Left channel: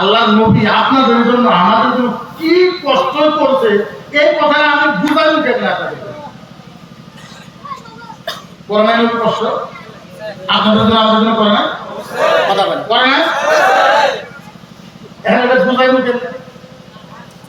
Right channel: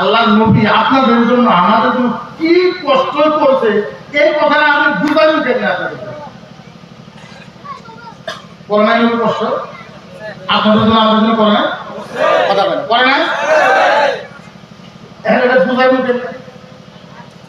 আল্লাহর নবী আপনাদের জন্য আমাদের জন্য কি কষ্ট করছে এই কথাটা আমি বুঝাইনি কেন আপনাদের করে নাই নবী কষ্ট আপনাদের জন্য আমাদের জন্য করে না কথা বলে করে না এখন এটা বুঝাইনি কেন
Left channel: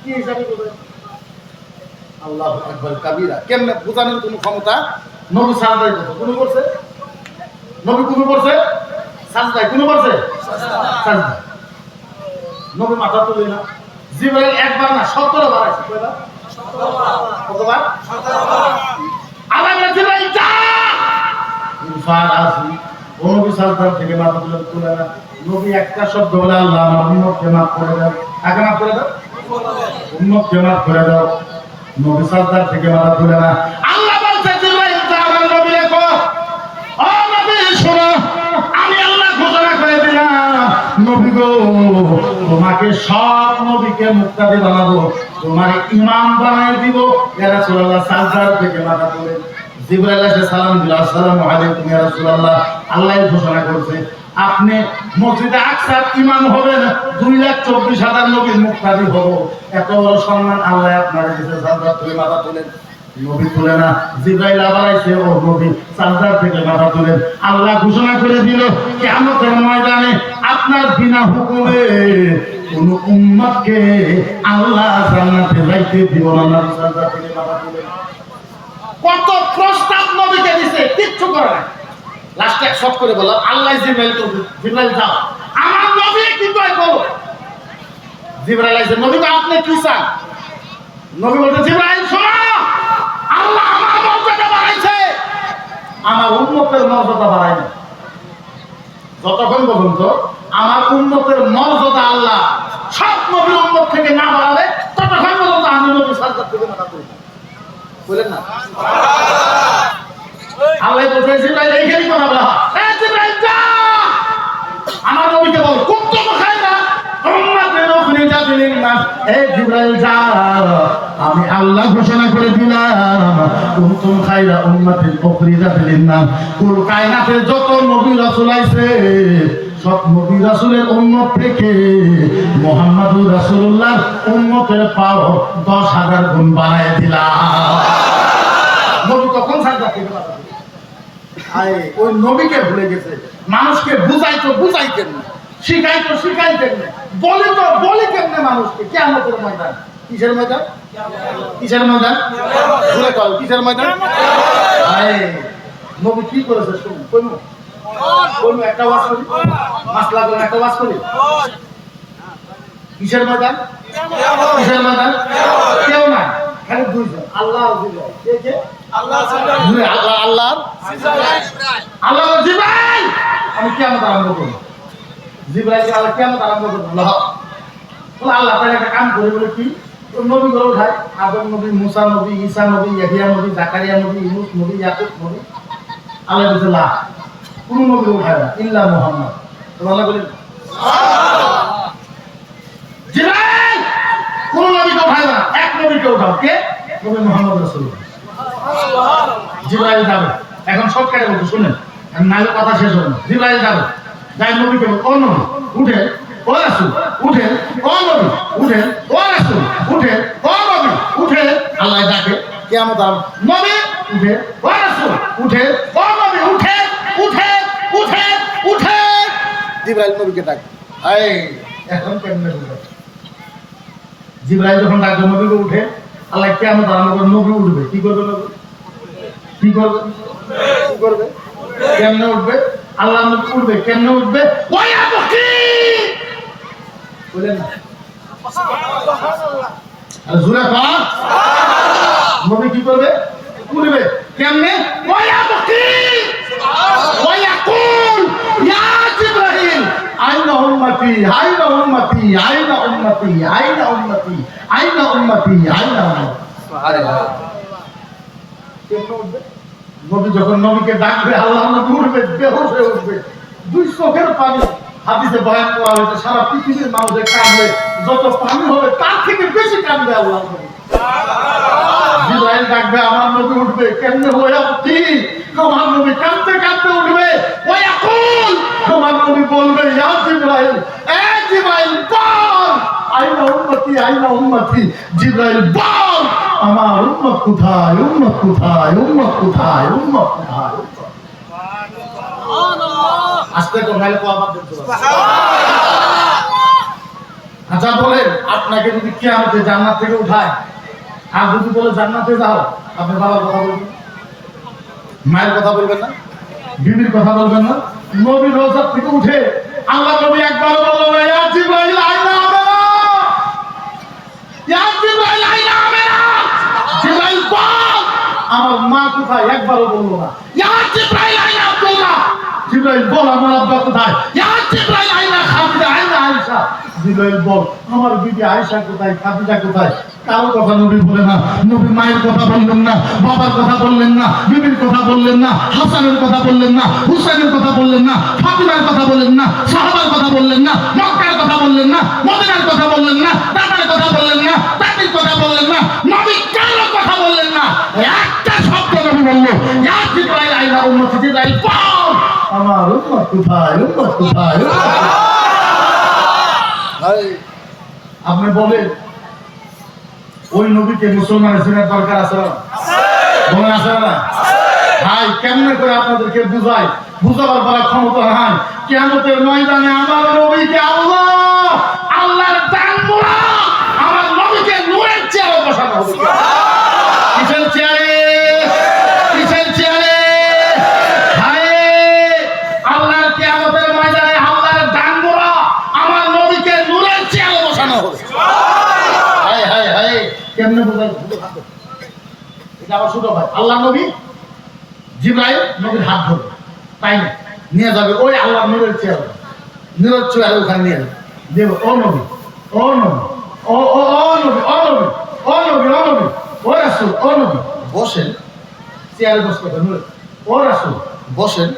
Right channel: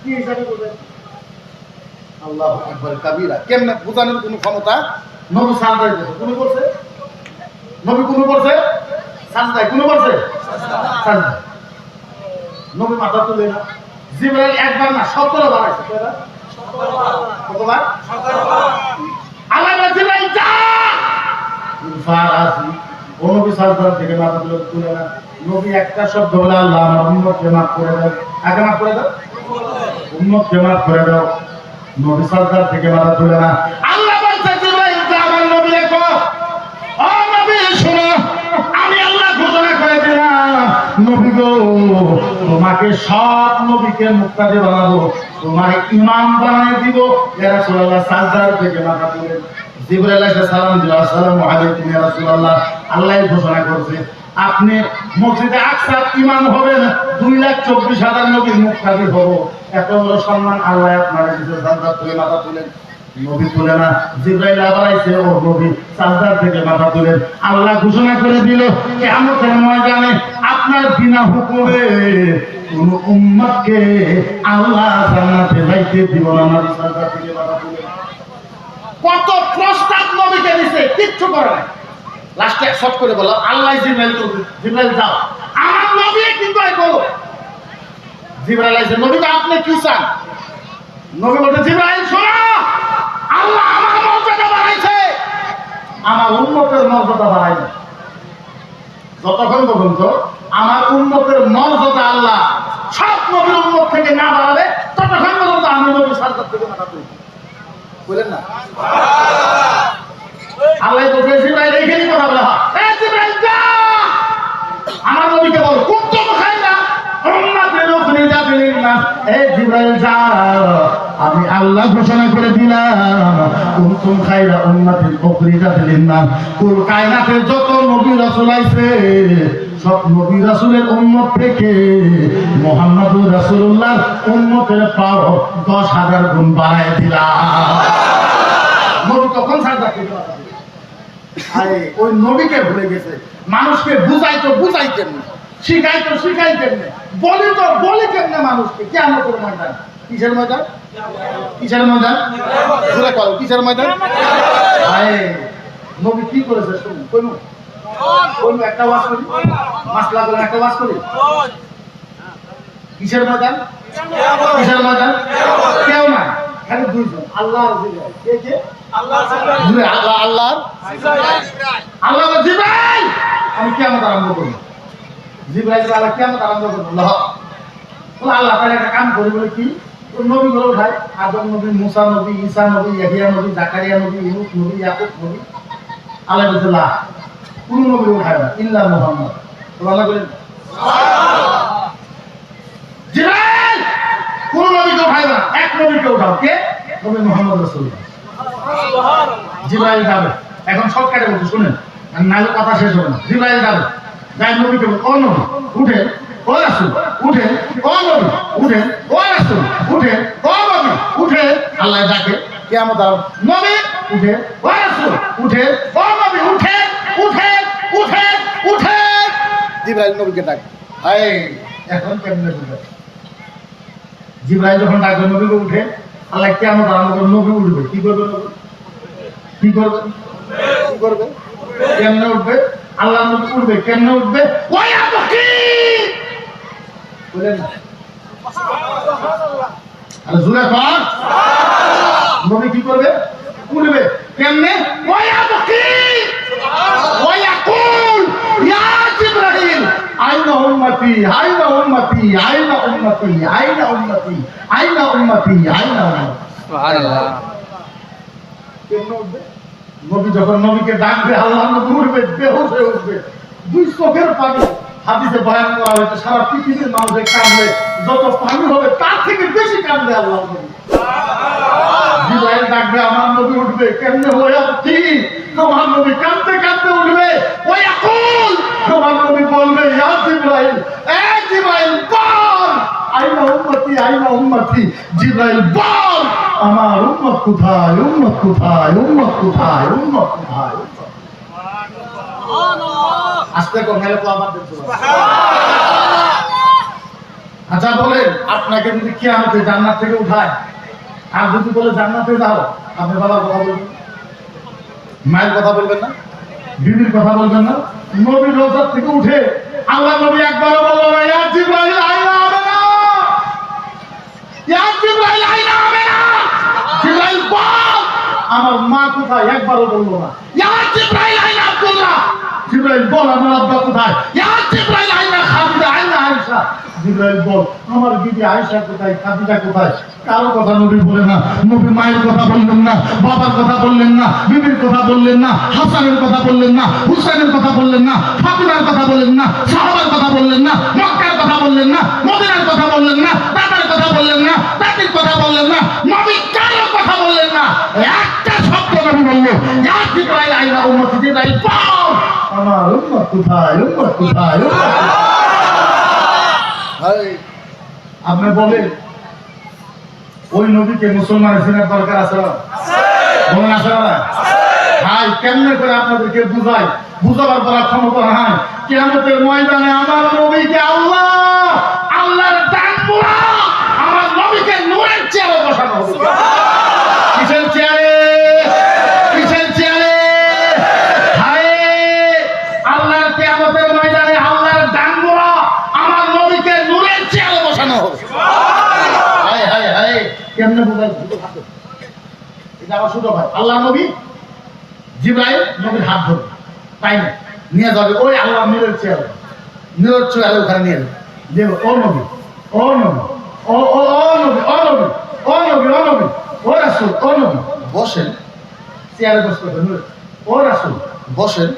কি হিসাবে বুঝাই আল্লাহু আকবার কাবীরা কেমনে বুঝানোর কোনো ক্ষমতা নবী সাজদাই করছে কোন করছে নবী কোন করছে সাজদাই কোন করছে সাজদা নবী মাথা তুলে না জিবরাইল একবার না 17 বার আছে কয়বার 17 বার আল্লাহ জিবরাইল যা ফারাসি ও নবী সাজদা থেকে মাথা তুলে না নবী একটা শব্দ বলে আল্লাহ আমার উম্মতকে maaf করে দাও আগে maaf করে দাও উম্মতকে maaf করে দাও নবী সাজদা থেকে মাথা তুলে না আল্লাহ বলছে জিবরাইল যা আমার নবীকে কও ও নবী শোনো আমি আল্লাহ ঘোষণা করে দিলাম নবী গো তোমাকে সব নবীকে মুক্তাদি বানাবো তোমার ইমাম বানিয়ে দিব ইয়া রাসূলুল্লাহ সাজদার থেকে মাথা তুলে জিবরাইল এসে সালাম দিল আসসালামু আলাইকুম ইয়া রাসূলুল্লাহ আল্লাহ ঘোষণা করছে আপনি মসজিদে আকসার ইমাম হবেন 2,24,000 নবীর মুক্তাদি হব এত বড় সম্মান আল্লাহ আপনার কাছে সাজদার থেকে মাথা তুলেন নবী তুলে না জিবরাইল আবার আইছে ও নবী সাজদার থেকে মাথা তুলেন আল্লাহ ঘোষণা করে দিল কিয়ামতের ময়দানে আপনার বিনা হুকুমে কোন উম্মতকে আল্লাহ জান্নাতে যাইতে দিব না নবী সাজদার থেকে মাথা তুলেন কত প্রস্তাব নবীকে দিয়েছে কিচ্ছু করে নাই লাস্টে শর্ট করে বললাম আল্লাহ জিবরাইল যাও আমার নবী কিন্তু বলো জিবরাইল আইছে নবী আপনি কি চান নবী বলতে জিবরাইল শোনো আল্লাহ আমার মর্যাদা বাড়াইছে আমার উম্মতের মর্যাদা বাড়াইনি যতক্ষণ পর্যন্ত আমার উম্মতের মর্যাদা আল্লাহ সব নবীর উম্মত থেকে না বাড়াবে ততক্ষণ পর্যন্ত আমি নবী সাজদা থেকে মাথা তুলব বলেন না আল্লাহ বলছে জিবরাইল এইখানেই কথা বলা হয় এই জিবরাইল যা আমার নবীকে বল কুনতুম খায়রা উম্মাতিন উখরিজাত লিন-নাস এই জিবরাইল যা আমি আল্লাহ ঘোষণা করে দিলাম কুনতুম খায়রা উম্মাতিন উখরিজাত লিন-নাস কুল কায়নাতে যত নবী রাসূল আইছে সব নবী রাসূলের উম্মত থেকে মুহাম্মদুর রাসূলুল্লাহর উম্মতের পাওয়ার 10,000 গুণ বাড়ায় দিলাম নবী তখন সাজদা থেকে মাথা তুলে আরে ওই নবীকে ভুলে গেছে মানুষকে বুঝাই কেমনে শিখাই কেমনে বলি কেমনে মানুষকে কিয়ামতের ময়দান কিসের ময়দান জোরে কও কিসের ময়দান আরে নবী কি করেছে শুনুন কইমু একটা ওয়াজ করি মাসলা করে একটা ওয়াজ করি কিসের ময়দান কেউ না খালি দুইজন আল্লাহ আর জিবরাইল কে আল্লাহ জিবরাইল আমি কিয়ামত আরম্ভ করব জিবরাইল আল্লাহ কিয়ামত আরম্ভ করব বলে আল্লাহ তাআলা একটা কাম করি বলে কি নবী গুলো উঠায় আদম নবী মুসা নবী ঈসা নবী ইয়াহিয়া নবী জাকারিয়া নবী ইউনুস নবী ইয়াকুব নবী আল্লাহ বলছে লা কোন নবী উঠায় না ইল্লা মুহাম্মদ তো আল্লাহ বলেন জিবরাইল কোন নবীকে উঠায় না এক নবীকে উঠাও কে নবী মুহাম্মদ রাসূলুল্লাহ জিবরাইল যাবে এখন শর্টকাটে বলতে শুনেন নালে কথা শেষ হবে না জিবরাইল যাবে যাই নবীকে ও নবী উঠে ও রাসূল উঠে ও নবী উঠে ও রাসূল উঠে ও নবী উঠে আল্লাহ ডাকে কিয়ামত নবী উঠে ও রাসূল উঠে ও নবী উঠে জিবরাইল নবীকে ডাকে এই এখন কেমনে বুঝবে জিবরাইল যখন ডাকবে নবীকে উঠে আল্লাহ কিয়ামত আরম্ভ করে নবী উঠবে কি করবে কেমনে উঠবে আল্লাহ নবী উঠবে কেমনে উঠবে ওয়া বকি বলেন না আর জোরে কর নবী কি করবে উঠবে কেমনে ওয়া বকি ওয়া ইয়াকুল ইয়া জিবরাইল আইনা উম্মতি সুবহানাল্লাহ কেমনে উঠবে নবী যখন নবীকে ডাকবে আল্লাহ নবী উঠবে বেহুশ হয়ে উঠবে দুই চোখের পানি হাদিসে বয়ান করা হয়েছে সারা পৃথিবীর মানুষের কাঁদলে যত পানি হবে তার থেকে বেশি কাঁদবে আল্লাহ নবী জিবরাইল ডাকবে আমার নবী উঠবে কেমনে হয়ে কি আমার নবী কাঁদতে উঠবে ওয়া ইয়াকুল আমার নবী বলবে ইয়া জিবরাইল এ জিবরাইল আইনা উম্মতি। জিবরাইল বল আমার উম্মত কোথায়, উম্মত কোথায়, উম্মত কোথায়, উম্মত কোথায়? আস্তে করে নাইলে আবার দেখতে পাবো। আচ্ছা বলেন, আপনাকে যদি কিয়ামতে জান্নাত থেকে উঠায় আর যদি বলে জান্নাতে যাও, আপনি বাবার কথা বলবেন, মায়ের কথা বলবেন না, বিবির কথা বলবেন না? নবী রওজা থেকে উঠে আল্লাহ নবী একবার বললেন না, ইয়া জিবরাইল আইনা আমেনা, ইয়া জিবরাইল আইনা আমেনা। জিবরাইল বল আমার মা কোথায়, একবারও বললো না। ইয়া জিবরাইল আইনা আব্দুল্লাহ, জিবরাইল বল আমার আব্বা কোথায়। ইয়া জিবরাইল আইনা খাদিজা, আইনা আয়েশা। জিবরাইল বল আমার বিবি আয়েশা কোথায়, খাদিজা কোথায়? কারো কথা নবী বলে না। নবী মায়ের কথা বললেন না, বাবার কথা বললেন না, বিবির কথা বললেন না, হাসানের কথা বললেন না, হুসাইনের কথা বললেন না, ফাতিমার কথা বললেন না, সাহাবার কথা বললেন না, মক্কার কথা বললেন না, মদিনার কথা বললেন না, দাদার কথা বললেন না, দাদির কথা বললেন না, নবী কারো কথা বললেন না। একটা শব্দ নবী বলল, ইয়া জিবরাইল আইনা উম্মতি। জিবরাইল বল আমার উম্মত কোথায়, উম্মত কোথায়, উম্মত কোথায়? আপনি বলেন ওই নবীকে মুসলমানের চিনার দরকার আছে না? বলেন আছে না? ভাই কেমনে করে আপনাদেরকে বুঝাই, বুঝাবার পর ক্ষমতা নাই। কিয়ামতের ময়দানে আমার নবীকে আল্লাহ, আল্লাহর দান করা আমার নবীকে নূরের চেয়ারে বসানো হবে। কিসের চেয়ারে, কিসের চেয়ারে? ভাই আল্লাহর কিয়ামতের ময়দানে আল্লাহর দান করা আমার নবীকে নূরের চেয়ারে বসানো হবে। হায় হায় হায়, কেমনে বোঝাই? এটা আমার ছোট ভাই আল্লাহ নবী, জিবরাইল নবীর হাত ধরবে, তাই না? নিয়ে যাবে ওই আল্লাহ নূরের চেয়ারে, নূরের চেয়ারে ওখানে নিয়ে যাবে, দেব ও নবী, ও নবী, ও ও ও নবী, ও নবী, ও নবী, ও নবী, ও রাসূল, ও নবী বসেন। চেয়ারে বসতে হবে নূরের। ও রাসূল বসেন,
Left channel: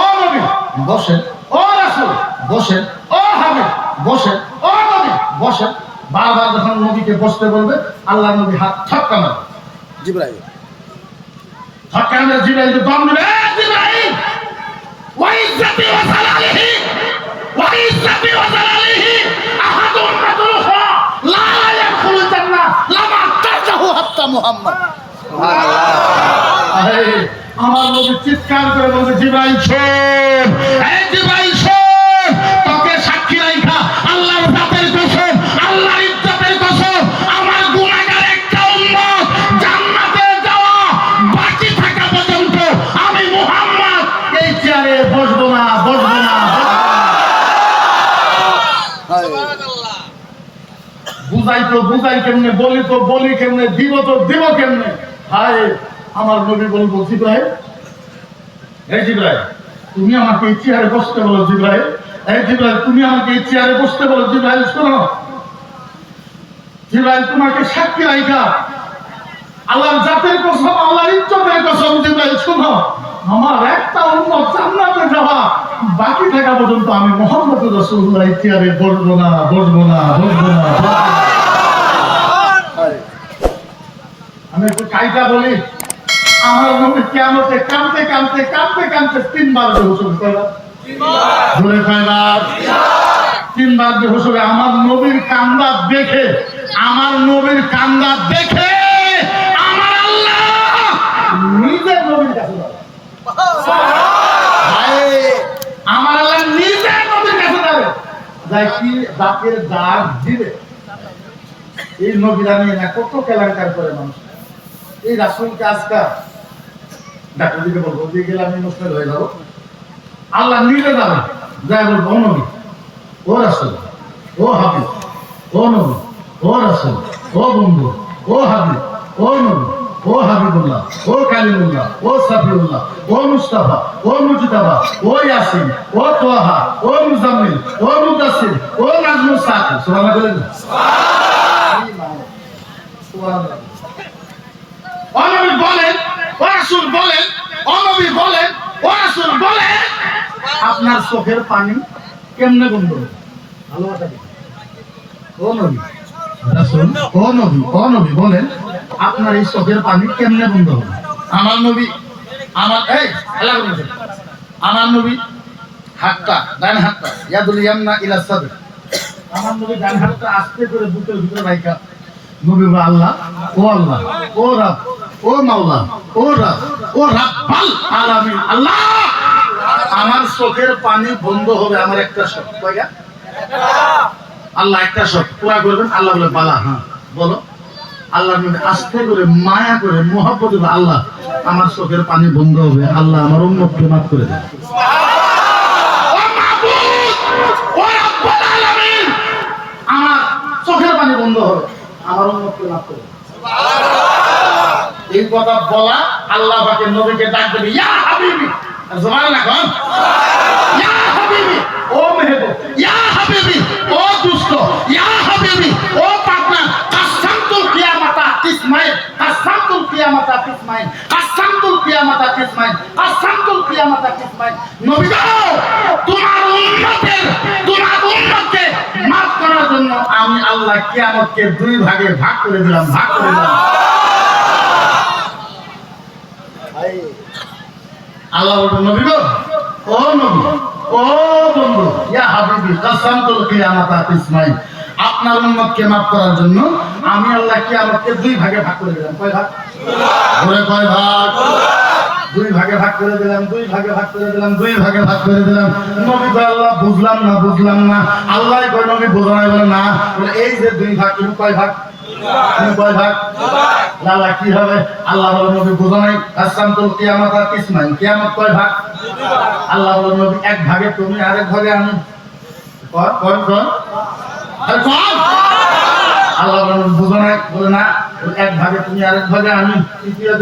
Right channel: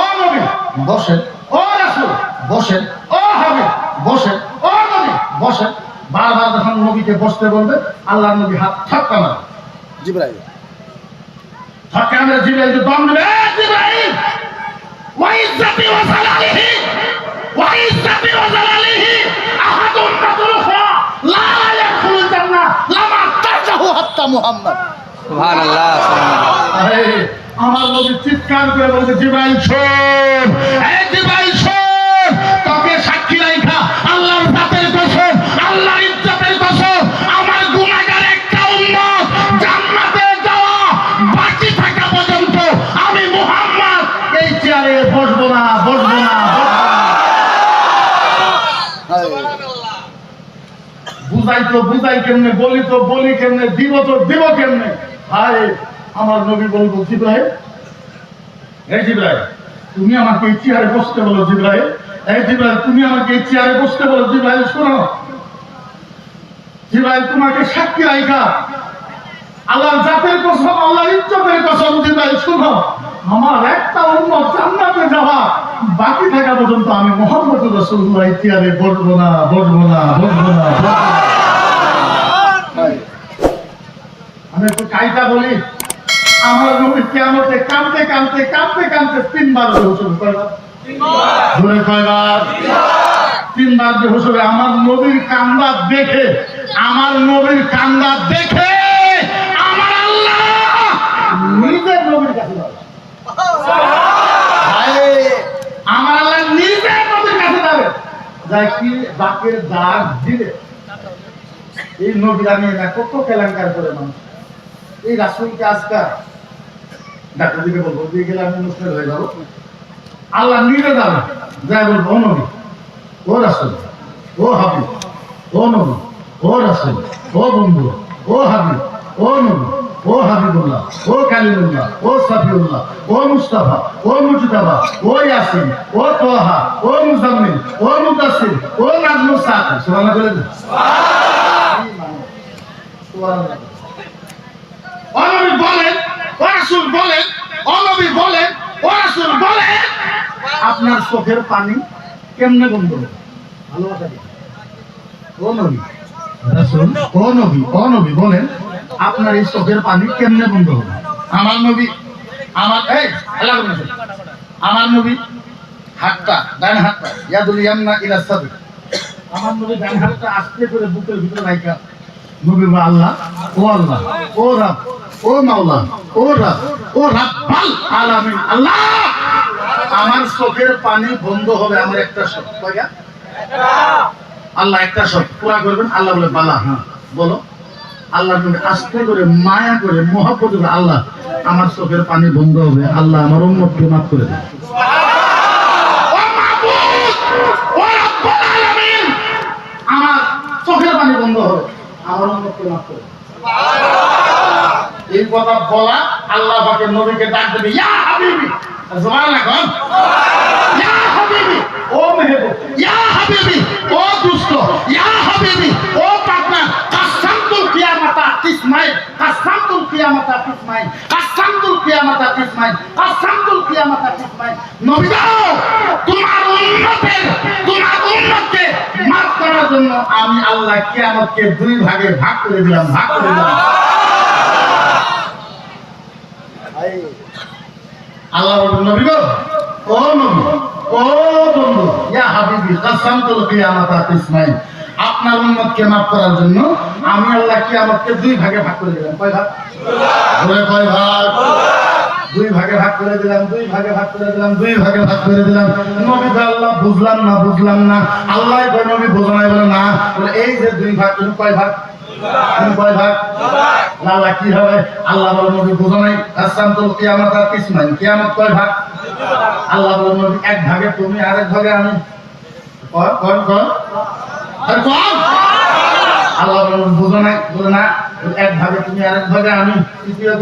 ও নবী বসেন, ও রাসূল বসেন, ও হাবিব বসেন, ও নবী বসেন। বারবার যখন নবীকে বসতে বলবে, আল্লাহ নবী হাত ঠক্কা মারবে। জিবরাইল ঠক্কা মেরে জিবরাইল দম দেবে, জিবরাইল ওয়া ইজ্জতি ওয়া জালালিহি, ওয়া ইজ্জতি ওয়া জালালিহি আহাদুন মাদরুহা লা ইয়াদখুলুল জান্নাহ লামা তাজাহু হাত্তা মুহাম্মদ। সুবহানাল্লাহ, সুবহানাল্লাহ। আমার নবী চিৎকার করে বলবে, জিবরাইল শোন, এই জিবরাইল শোন, তোকে সাক্ষী রাখা আল্লাহর জাতের কসম, আল্লাহর ইজ্জতের কসম, আমার গুনাহগার একটা উম্মত জান্নাতে যাওয়া বাকি থাকা পর্যন্ত আমি মুহাম্মদ এই চেয়ারে বসবো না, বসবো না, বুঝাই তো বুঝাই কেমনে, বলি তো বলি কেমনে, দিব তো দিব কেমনে? হায় আমার নবী বলবো, জিবরাইল, এই জিবরাইল তুমি আমাকে এই চেয়ারে বসতে বলো। জিবরাইল, এই জিবরাইল তুমি আমাকে এই চেয়ারে বসতে বলো। জিবরাইল শোনো, জিবরাইল তোমাকে সাক্ষী রাখা আল্লাহর জাতের কসম, আল্লাহর ইজ্জতের কসম, জিবরাইল শোনো, আমার একটা উম্মত জান্নাতে যাওয়া বাকি থাকা পর্যন্ত আমি মুহাম্মদ রাসূলুল্লাহ এই চেয়ারে বসবো না, বসবো না, বসবো না। আমি একটু কাইদা বলি, আমার নবী কিয়ামতে কাঁদতে কাঁদতে কাঁদতে কাঁদতে তিনবার বেহুশ হবে। কয়বার? জোরে কয়বার? তিনবার বেহুশ হবে। আমার নবীর কান্দা দেখে, আমার নবীর কান্দা দেখে আমার আল্লাহ নিজের নবীর কাছে যাবে। আমার আল্লাহ নিজের নবীর কাছে যাবে, যাই কি বাকের দাগ দিবে। এই নবীরা নিয়ে না কত কেলেঙ্কার করে মানুষ। এই রাসূলকে আজকাল ডাক্তার দিকে বলবো, দিয়ে গেলে আমি মুশকিল হয়ে যাবো। আল্লাহ নিজে যাবে, যাই বলবো, ও নবী, ও রাসূল, ও হাবিব, ও নবী, ও রাসূল, ও বন্ধু, ও হাবিব, ও নবী, ও হাবিবুল্লাহ, ও কালিমুল্লাহ, ও সাফিউল্লাহ, ও মুস্তাফা, ও মুজতাবা, ও ইয়াসিন, ও তোহা, ও মুজাম্মিল, ও মুদাসসির, ও নাজমুস সাকিব। সুবহানাল্লাহ বলেন। সুবহানাল্লাহ। ও নবী বলেন, ও রাসূল বলেন, ও নবী বলেন, ও রাসূল বলেন, আপনার চোখের পানি কেমনে বন্ধ হবে? ভালোবাসা কি? ও নবী, রাসূল, ও নবী, ও নবী বলেন, আপনার এই চোখের পানি কেমনে বন্ধ হবে? আমার নবী, আমার এই আল্লাহ বলেন, আমার নবী হাতটা, ডান হাতটা ইয়াদুল ইয়ামনা ইলা সাদর, আমার নবী ডান হাতটা আস্তে করে বুকের ভিতরে রাখা নবী বলে, আল্লাহ, ও রাব, ও মাওলা, ও রাব, ও রাব্বাল আলামিন, আল্লাহ আমার চোখের পানি বন্ধ হবে আমার একটা শখ। কয়টা? আল্লাহ একটা শখ পুরা করবেন। আল্লাহ বলে বালা, হ্যাঁ বলো। আল্লাহ নবী আস্তে করে মায়া করে মহব্বত করে, আল্লাহ আমার চোখের পানি বন্ধ হবে, আল্লাহ আমার উম্মতকে মাফ করে দেন। ও মাবুদ, ও রব্বুল আলামিন, আমার চোখের পানি বন্ধ হবে, আমার উম্মতকে মাফ করে দেন। এই কথা বলা আল্লাহ পাকের নবীকে ডাক দেবে, ইয়া হাবিবি, সুবহানাল্লাহ কোন, ইয়া হাবিবি, ও মেহবুব, ইয়া হাবিবি, ও দুষ্ট, ইয়া হাবিবি, ও পাকনা, কাসামতুল কিয়ামাতা তিসমাইন, কাসামতুল কিয়ামাতা তিসমাইন, কাসামতুল কিয়ামাতা তিসমাইন, কাসামতুল কিয়ামাতা তিসমাইন। নবী গো, তোমার উম্মতকে মাফ করার জন্য আমি আল্লাহ কিয়ামতকে দুই ভাগে ভাগ করে দিলাম। আল্লাহ বলবেন, নবী গো, ও নবী, ও বন্ধু, ইয়া হাবিবি, কাসামতুল কিয়ামাতা তিসমাইন, আপনার উম্মতকে মাফ করার জন্য আমি আল্লাহ কিয়ামতকে দুই ভাগে ভাগ করে দিলাম। কয় ভাগ? কয় ভাগ? দুই ভাগে ভাগ করে দিলাম, দুই ভাগে ভাগ করে দিলাম, দুই ভাগে ভাগ করে দিলাম। নবী কয়, আল্লাহ বুঝলাম না। আল্লাহ কয়, নবী বুঝো নাই? বলে না। বলে এই যে দুই ভাগ, তুমি কয় ভাগ? কয় ভাগ? আল্লাহ কি হবে? আল্লাহ বলে, নবী বুঝো নাই, কাসামতুল কিয়ামাতা তিসমাইন, কিয়ামত কয় ভাগ? আল্লাহ বলে, নবী এক ভাগে তুমি, আরেক ভাগে আমি। কোন আল্লাহ বলে, বুঝো নাই? বলে না, এক ভাগে তুমি, আরেক ভাগে আমি। তৃতীয়